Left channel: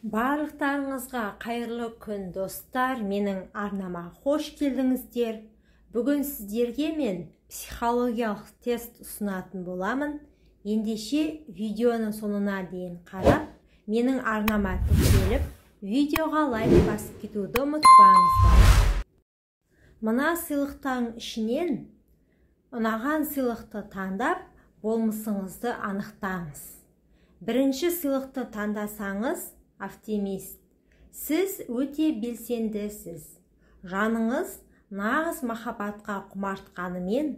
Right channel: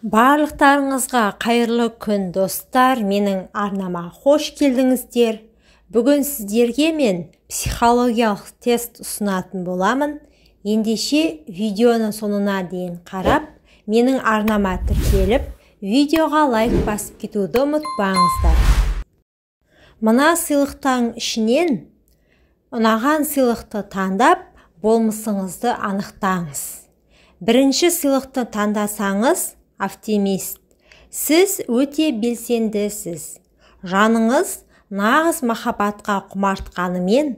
Барлықтарыңызға қайырлы күн достар, менің арнама қош келдіңіздер. Бүгін сіздерге мен психологиялық тест ұсынатын боламын. Ендеше видеоны сонына дейін қарап, менің арнама тіркеліп, видеоға лайк басып кетуді ұмытпаңыздар. Мына сыйлықтың ішінен ұнаған сыйлықты таңдап, болмысыңызды анықтаңыз. Бірінші сыйлықты таңдасаңыз, оптимист. Сіз өте белсендісіз. Жаныңыз нағыз махаббатқа құмартқанымен,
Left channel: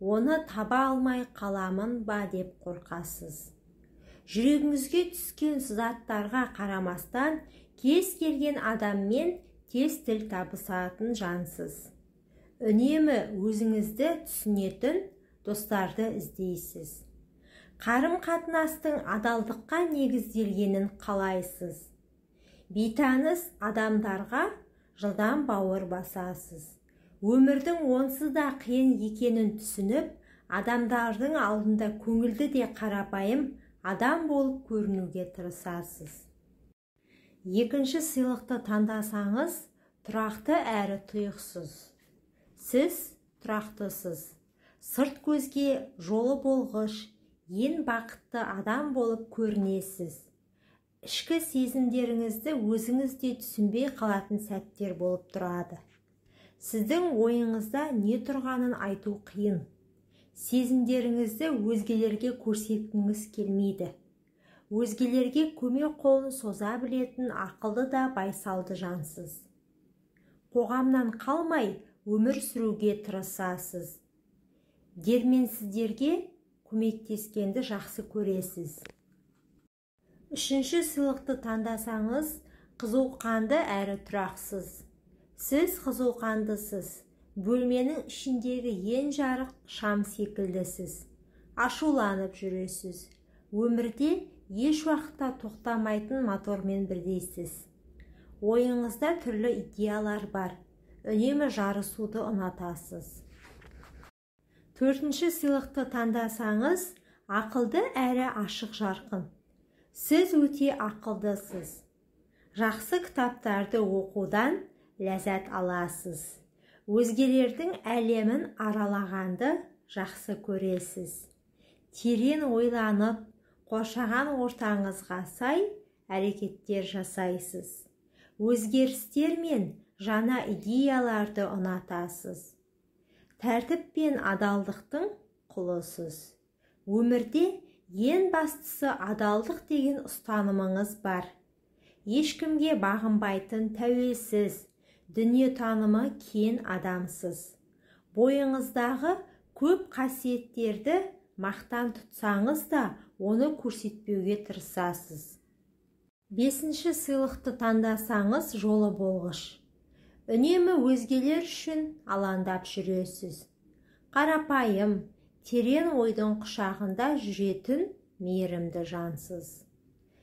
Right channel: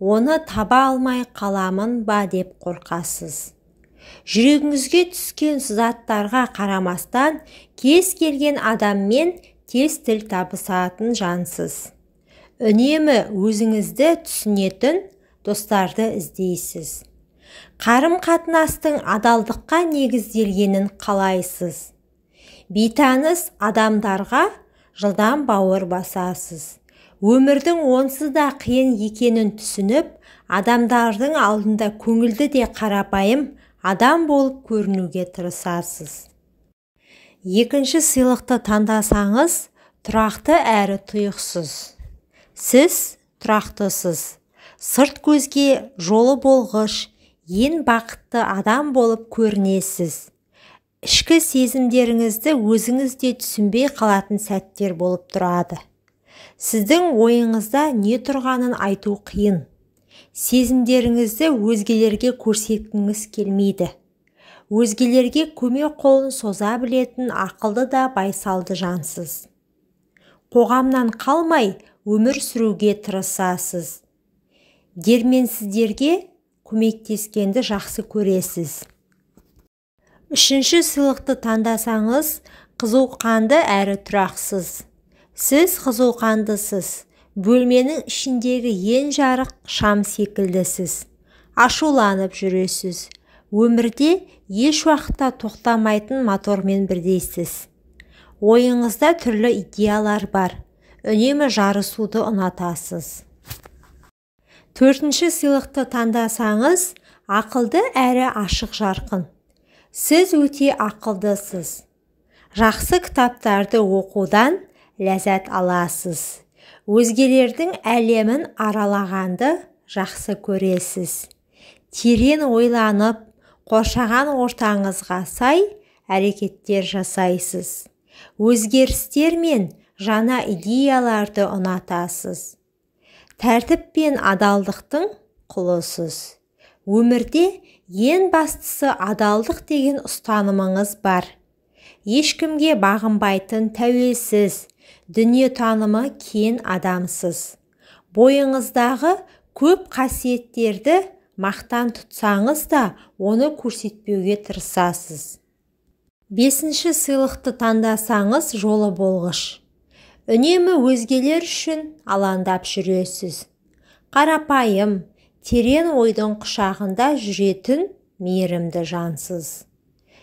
оны таба алмай қаламын ба деп қорқасыз. Жүрегіңізге түскен сызаттарға қарамастан, кез келген адаммен тез тіл табысатын жансыз. Үнемі өзіңізді түсінетін достарды іздейсіз. Қарым-қатынастың адалдыққа негізделгенін қалайсыз. Бейтаныс адамдарға жылдам бауыр басасыз. Өмірдің онсыз да қиын екенін түсініп, адамдардың алдында көңілді де қарапайым адам болып көрінуге тырысасыз. Екінші сыйлықты таңдасаңыз, тұрақты әрі тұйықсыз. Сіз тұрақтысыз. Сырт көзге жолы болғыш, ең бақытты адам болып көрінесіз. Ішкі сезімдеріңізді өзіңізде түсінбей қалатын сәттер болып тұрады. Сіздің ойыңызда не тұрғанын айту қиын. Сезімдеріңізді өзгелерге көрсеткіңіз келмейді. Өзгелерге көмек қолын соза білетін ақылды да байсалды жансыз. Қоғамнан қалмай өмір сүруге тырысасыз. Дерменсіздерге көмектескенді жақсы көресіз. Үшінші сыйлықты таңдасаңыз, қызуқанды әрі тұрақсыз. Сіз қызуқандысыз. Бөлменің ішіндегі ең жарық шам секілдісіз. Ашуланып жүресіз. Өмірде еш уақытта тоқтамайтын мотормен бірдейсіз. Ойыңызда түрлі идеялар бар. Үнемі жарысуды ұнатасыз. Төртінші сыйлықты таңдасаңыз, ақылды әрі ашық жарқын. Сіз өте ақылдысыз. Жақсы кітаптарды оқудан ләззат аласыз. Өзгелердің әлемін аралағанды жақсы көресіз. Терең ойланып, қоршаған ортаңызға сай әрекеттер жасайсыз. Өзгерістер мен жаңа идеяларды ұнатасыз. Тәртіп пен адалдықтың құлысыз. Өмірде ең бастысы адалдық деген ұстанымыңыз бар. Ешкімге бағынбайтын тәуелсіз, дүниетанымы кең адамсыз. Бойыңыздағы көп қасиеттерді мақтан тұтсаңыз да, оны көрсетпеуге тырысасыз. Бесінші сыйлықты таңдасаңыз, жолы болғыш. Үнемі өзгелер үшін алаңдап жүресіз. Қарапайым, терең ойдың құшағында жүретін мейірімді жансыз.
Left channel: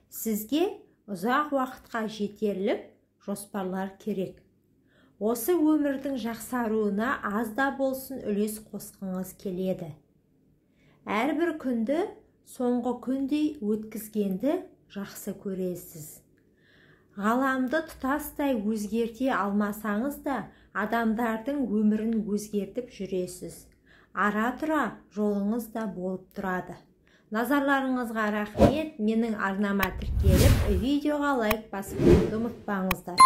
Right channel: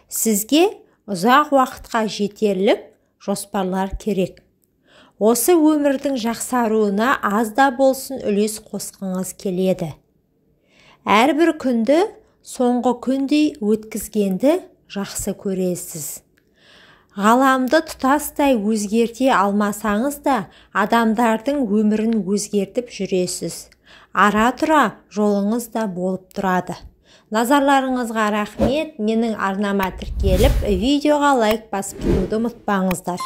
Сізге ұзақ уақытқа жетерлік жоспарлар керек. Осы өмірдің жақсаруына аз да болсын үлес қосқыңыз келеді. Әрбір күнді соңғы күндей өткізгенді жақсы көресіз. Ғаламды тұтастай өзгерте алмасаңыз да, адамдардың өмірін өзгертіп жүресіз. Ара-тұра жолыңыз да болып тұрады. Назарларыңызға рахмет. Менің арнама тіркеліп, видеоға лайк басып кетуді ұмытпаңыздар.